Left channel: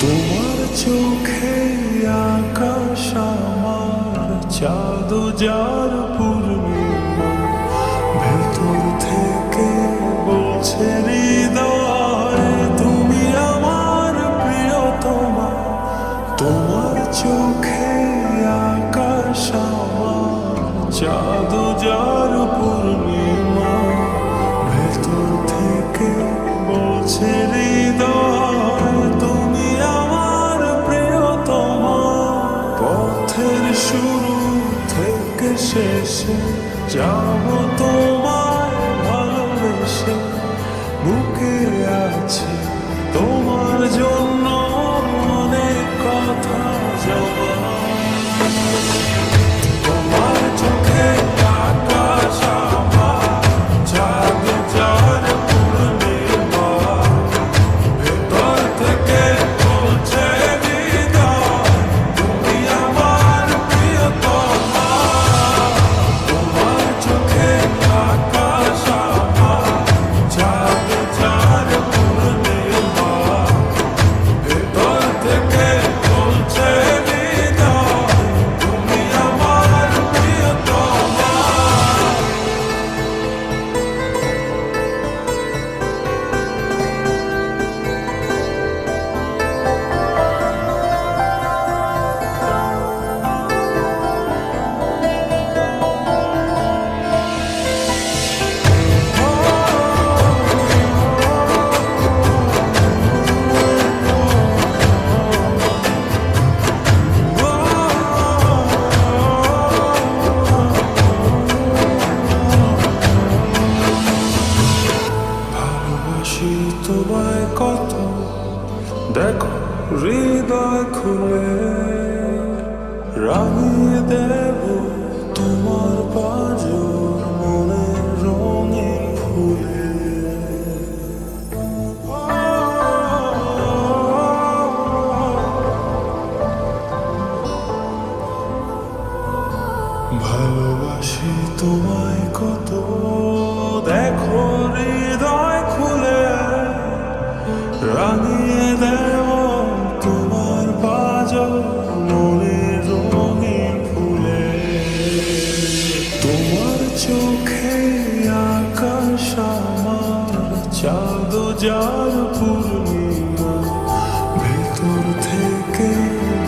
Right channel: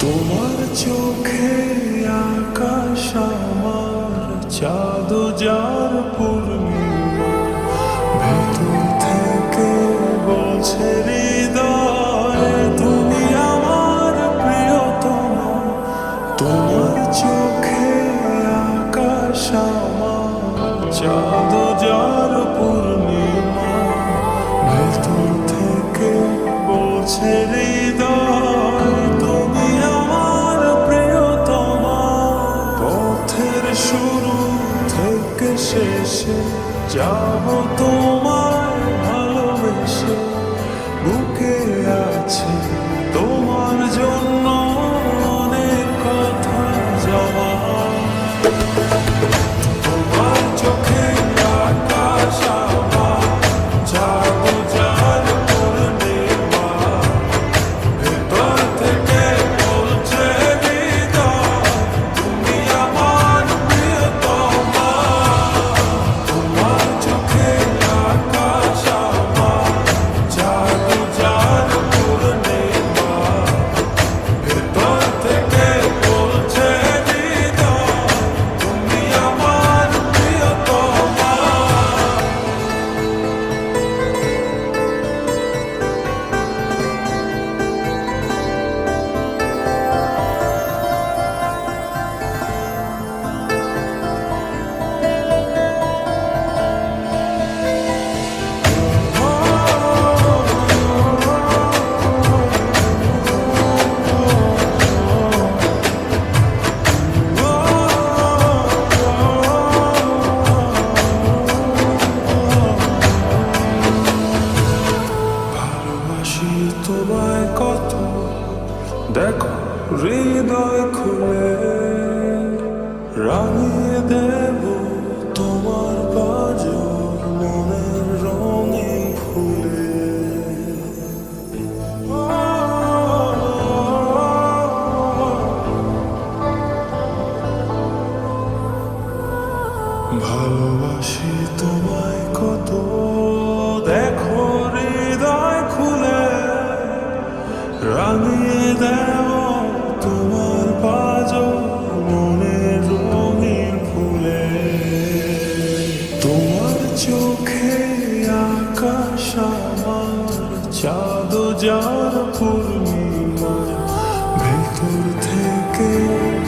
তোমার চোখে আকাশ আমার চাঁদ যার পূর্ণিমা, ভেতর থেকে বলছে হৃদয় তুমি আমার প্রিয়তমা। তোমার চোখে আকাশ আমার চাঁদ যার পূর্ণিমা, ভেতর থেকে বলছে হৃদয় তুমি আমার প্রিয়তমা। পথের শুরু থেকে শেষে যাব তোমায় ভালোবেসে, বুকে আছে তোমার জন্য অনেক কথা জমা। তোমার চোখে আকাশ আমার চাঁদ যার পূর্ণিমা, ভেতর থেকে বলছে হৃদয় তুমি আমার প্রিয়তমা। তোমার চোখে আকাশ আমার চাঁদ যার পূর্ণিমা, ভেতর থেকে বলছে হৃদয় তুমি আমার প্রিয়তমা। ভালোবাসি তোমায় কত, দেখো হৃদয় খুলে রাঙিয়ে দেব তোমার পাঁজর মনের রঙিন ফুলে। ভালোবাসি তোমায় কত, দেখো হৃদয় খুলে রাঙিয়ে দেব তোমার পাঁজর মনের রঙিন ফুলে। তোমার চোখে আকাশ আমার চাঁদ যার পূর্ণিমা, ভেতর থেকে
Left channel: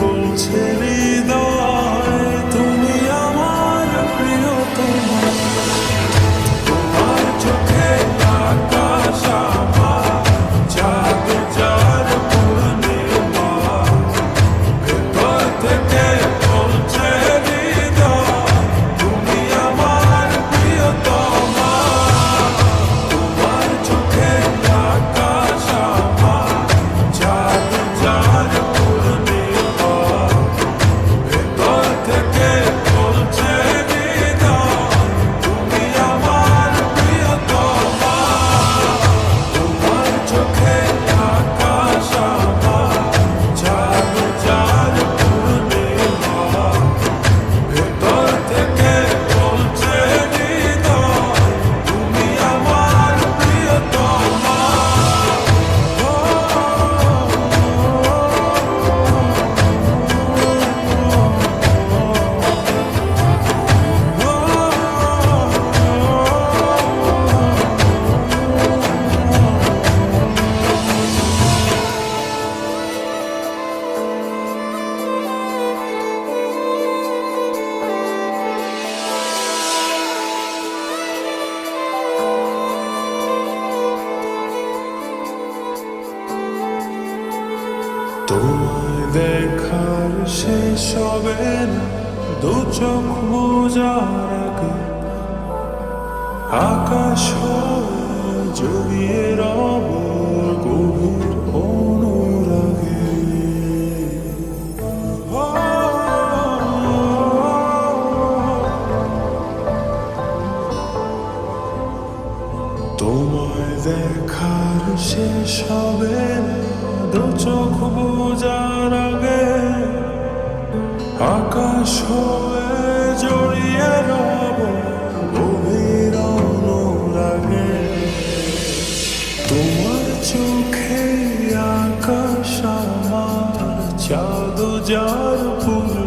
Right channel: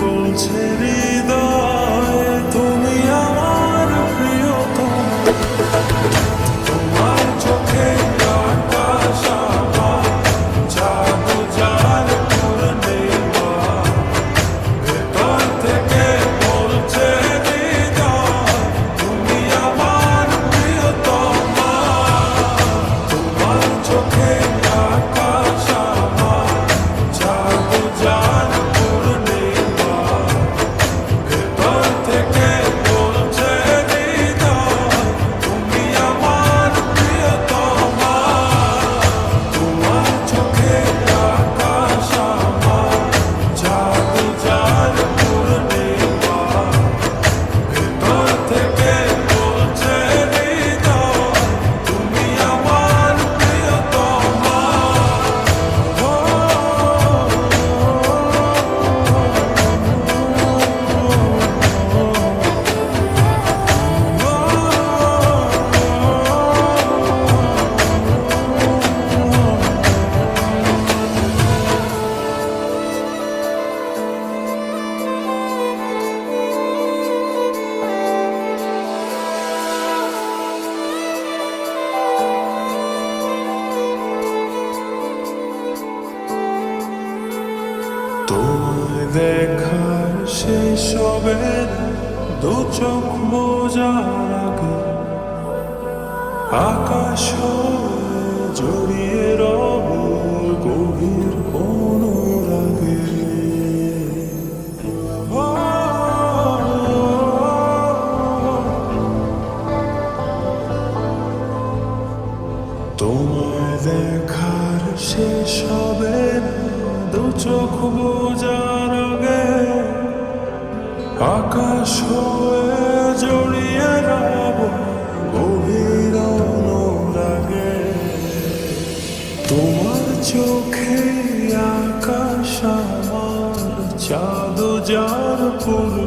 বলছে হৃদয় তুমি আমার প্রিয়তমা। তোমার চোখে আকাশ আমার চাঁদ যার পূর্ণিমা, ভেতর থেকে বলছে হৃদয় তুমি আমার প্রিয়তমা। তোমার চোখে আকাশ আমার চাঁদ যার পূর্ণিমা, ভেতর থেকে বলছে হৃদয় তুমি আমার প্রিয়তমা। তোমার চোখে আকাশ আমার চাঁদ যার পূর্ণিমা, ভেতর থেকে বলছে হৃদয় তুমি আমার প্রিয়তমা। তোমায় দেখার শেষ হবে না দু চোখ বোঝার আগে, আকাশ হয়ে জড়িয়ে রব তোমায় দেখার শেষ হবে না, দু চোখ বোঝার আগে আকাশ হয়ে জড়িয়ে রব গভীর অনুরাগে। তোমার চোখে আকাশ আমার, চাঁদ যার পুর